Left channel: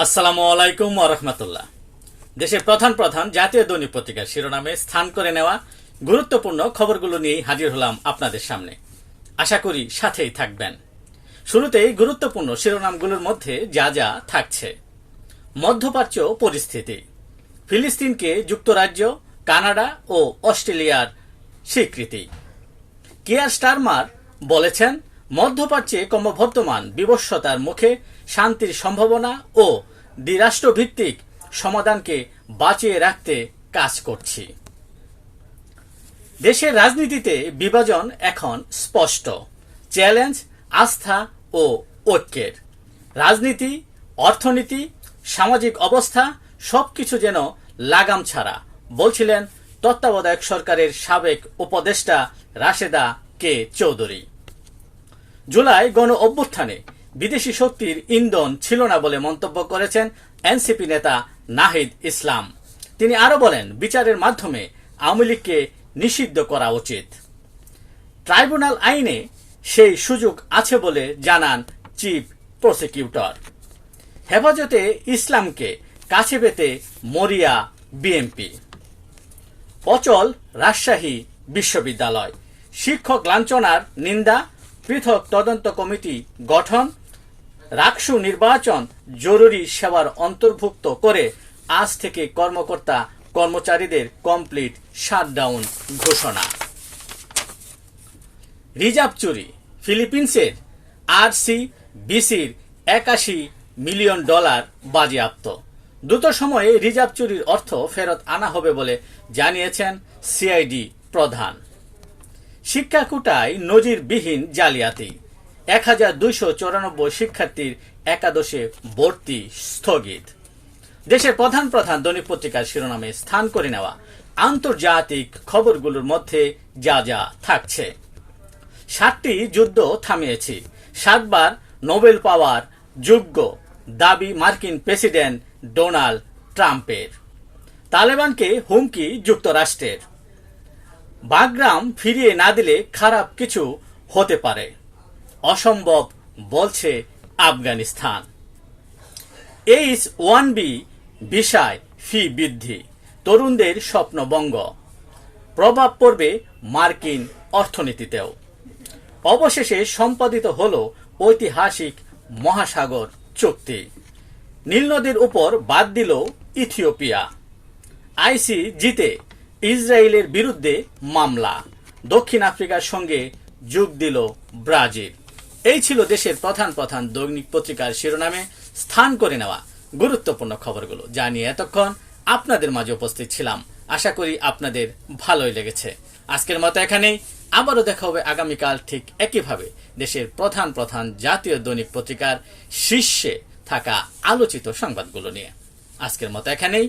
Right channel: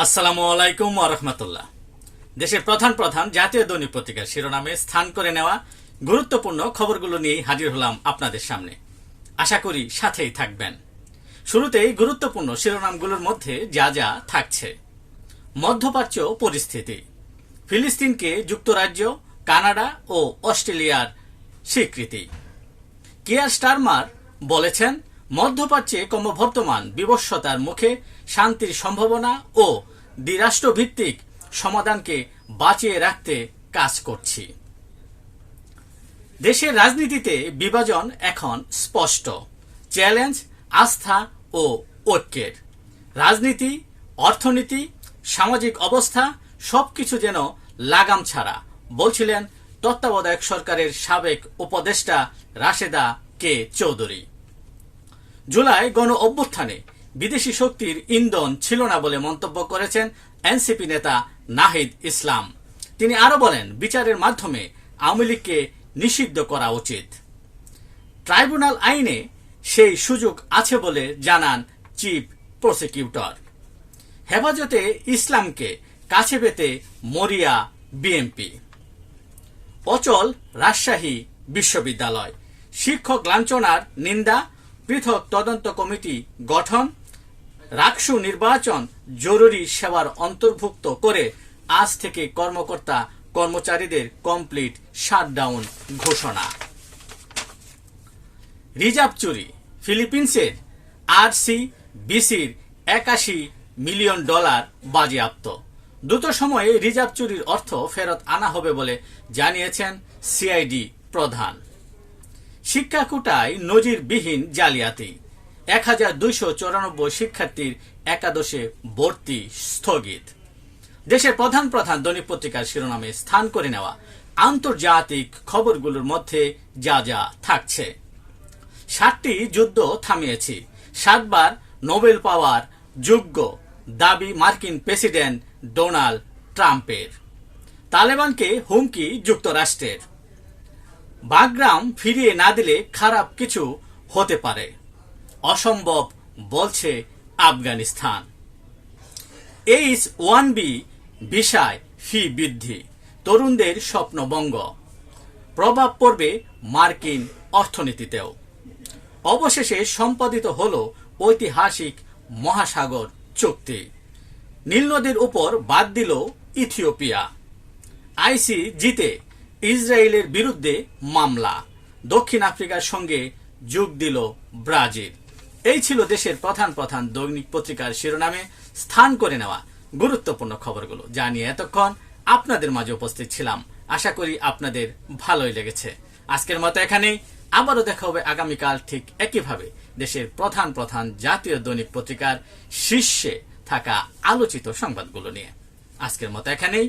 আসসালামু আলাইকুম রহমতুল্লাহ। দেশের প্রধান প্রধান জাতীয় দৈনিক পত্রিকার শিরোনামে স্থান করে নেওয়া গুরুত্বপূর্ণ খবরগুলো নিয়ে হাজির হলাম আপনাদের সামনে। আশা করি সাথেই থাকবেন। শুরুতেই গুরুত্বপূর্ণ শিরোনামগুলোর মধ্যে যা যা থাকছে। মধ্যপ্রাচ্য পরিস্থিতি। ফিলিস্তিনকে যুক্তরাজ্য, কানাডা ও অস্ট্রেলিয়ার স্বীকৃতি। কেয়ার স্টারমার বলেছেন মধ্যপ্রাচ্যে ক্রমবর্ধমান বিবস্বতার মুখে শান্তির সম্ভাবনা ও দ্বিরাষ্ট্রভিত্তিক সমাধানকে বাঁচিয়ে রাখতে কাজ করছি। দেশের রাজনীতিতে বিভাজন এখন স্পষ্ট। চ্যালেঞ্জ, আস্থা ও ঐক্যের। রাজনীতি, অর্থনীতি, সামাজিক অবস্থা সবকিছু যেন লাগাম ছাড়া, বলছিলেন তত্ত্বাবধায়ক সরকারের সাবেক উপদেষ্টা রাশেদা কে চৌধুরী। জুলাই গণ অভ্যুত্থানে বিদেশি শক্তির ইন্ধন ছিল না বলে মন্তব্য করেছেন এনসিপি নেতা নাহিদ ইসলাম। তিনি আরও বলেন, বিচারের মাধ্যমে আওয়ামী লীগকে নিষিদ্ধ করা উচিত। ট্রাইব্যুনাল আইনে সেই সুযোগ আছে বলে জানান চিফ প্রসিকিউটর। হেফাজতে ইসলামকে কাছে পেতে মরিয়া বিএমপি অচল রাজশাহী বিশ্ববিদ্যালয়। শিক্ষক লাঞ্ছনার নিন্দা পৃথক তদন্ত কমিটি গঠন, রাকসু নির্বাচন জরুরি সেবার অন্তর্ভুক্ত করে আজ থেকে কর্মকর্তা কর্মচারীদের কমপ্লিট শাটডাউন ঘোষণা। রিজার্ভ চুরি ফিলিপিন্সের আর সি বিসির একাশি মিলিয়ন ডলার বাজেয়াপ্ত। দ্রুত সময়ে রিজার্ভ চুরির অর্থ ফেরত আনা হবে বলে জানিয়েছেন সিআইডি প্রধান। শিক্ষা কোটায় নজিরবিহীন জালিয়াতি। এক হাজার দুইশো চৌরানব্বই শিক্ষার্থীর একাদশে ভর্তি স্থগিত। দেশের প্রধান প্রধান দৈনিক পত্রিকার শিরোনামে স্থান করে নেওয়া আন্তর্জাতিক খবরগুলোর মধ্যে যা যা থাকছে। সাতটি যুদ্ধ থামিয়েছি। সাতবার নোবেল পাওয়ার যোগ্য দাবি মার্কিন প্রেসিডেন্ট ডোনাল্ড ট্রাম্পের। তালেবানকে হুমকি যুক্তরাষ্ট্রের। বাগরাম ফিরিয়ে না দিলে খারাপ কিছু হতে পারে। অসম্ভব বলছে আফগানিস্তান। এইচ ওয়ান বি বিষয় ফি বৃদ্ধি, তরুণদের স্বপ্নবঙ্গ প্রভাব পড়বে মার্কিন অর্থনীতিতেও। অবশেষে সম্পাদিত হল ঐতিহাসিক মহাসাগর চুক্তি। নীল নদীর উপর বাদ দিল ইথিওপিয়া। আইসি জিতে ইসরায়েলের বিরুদ্ধে মামলা। দক্ষিণ আফ্রিকার সঙ্গে যোগ দিল ব্রাজিল। এই ছিল দেশের প্রধান প্রধান দৈনিক পত্রিকার শিরোনামে স্থান করে নেওয়া গুরুত্বপূর্ণ খবরগুলো। যা নিয়ে এতক্ষণ আপনাদের মাঝে উপস্থিত ছিলাম। আশা করি আপনাদের ভালোই লেগেছে। আজকের মতো এখানেই। আবারও দেখা হবে আগামীকাল ঠিক একইভাবে দেশের প্রধান প্রধান জাতীয় দৈনিক পত্রিকার শীর্ষে থাকা আলোচিত সংবাদগুলো নিয়ে। আজকের মতো এখানেই।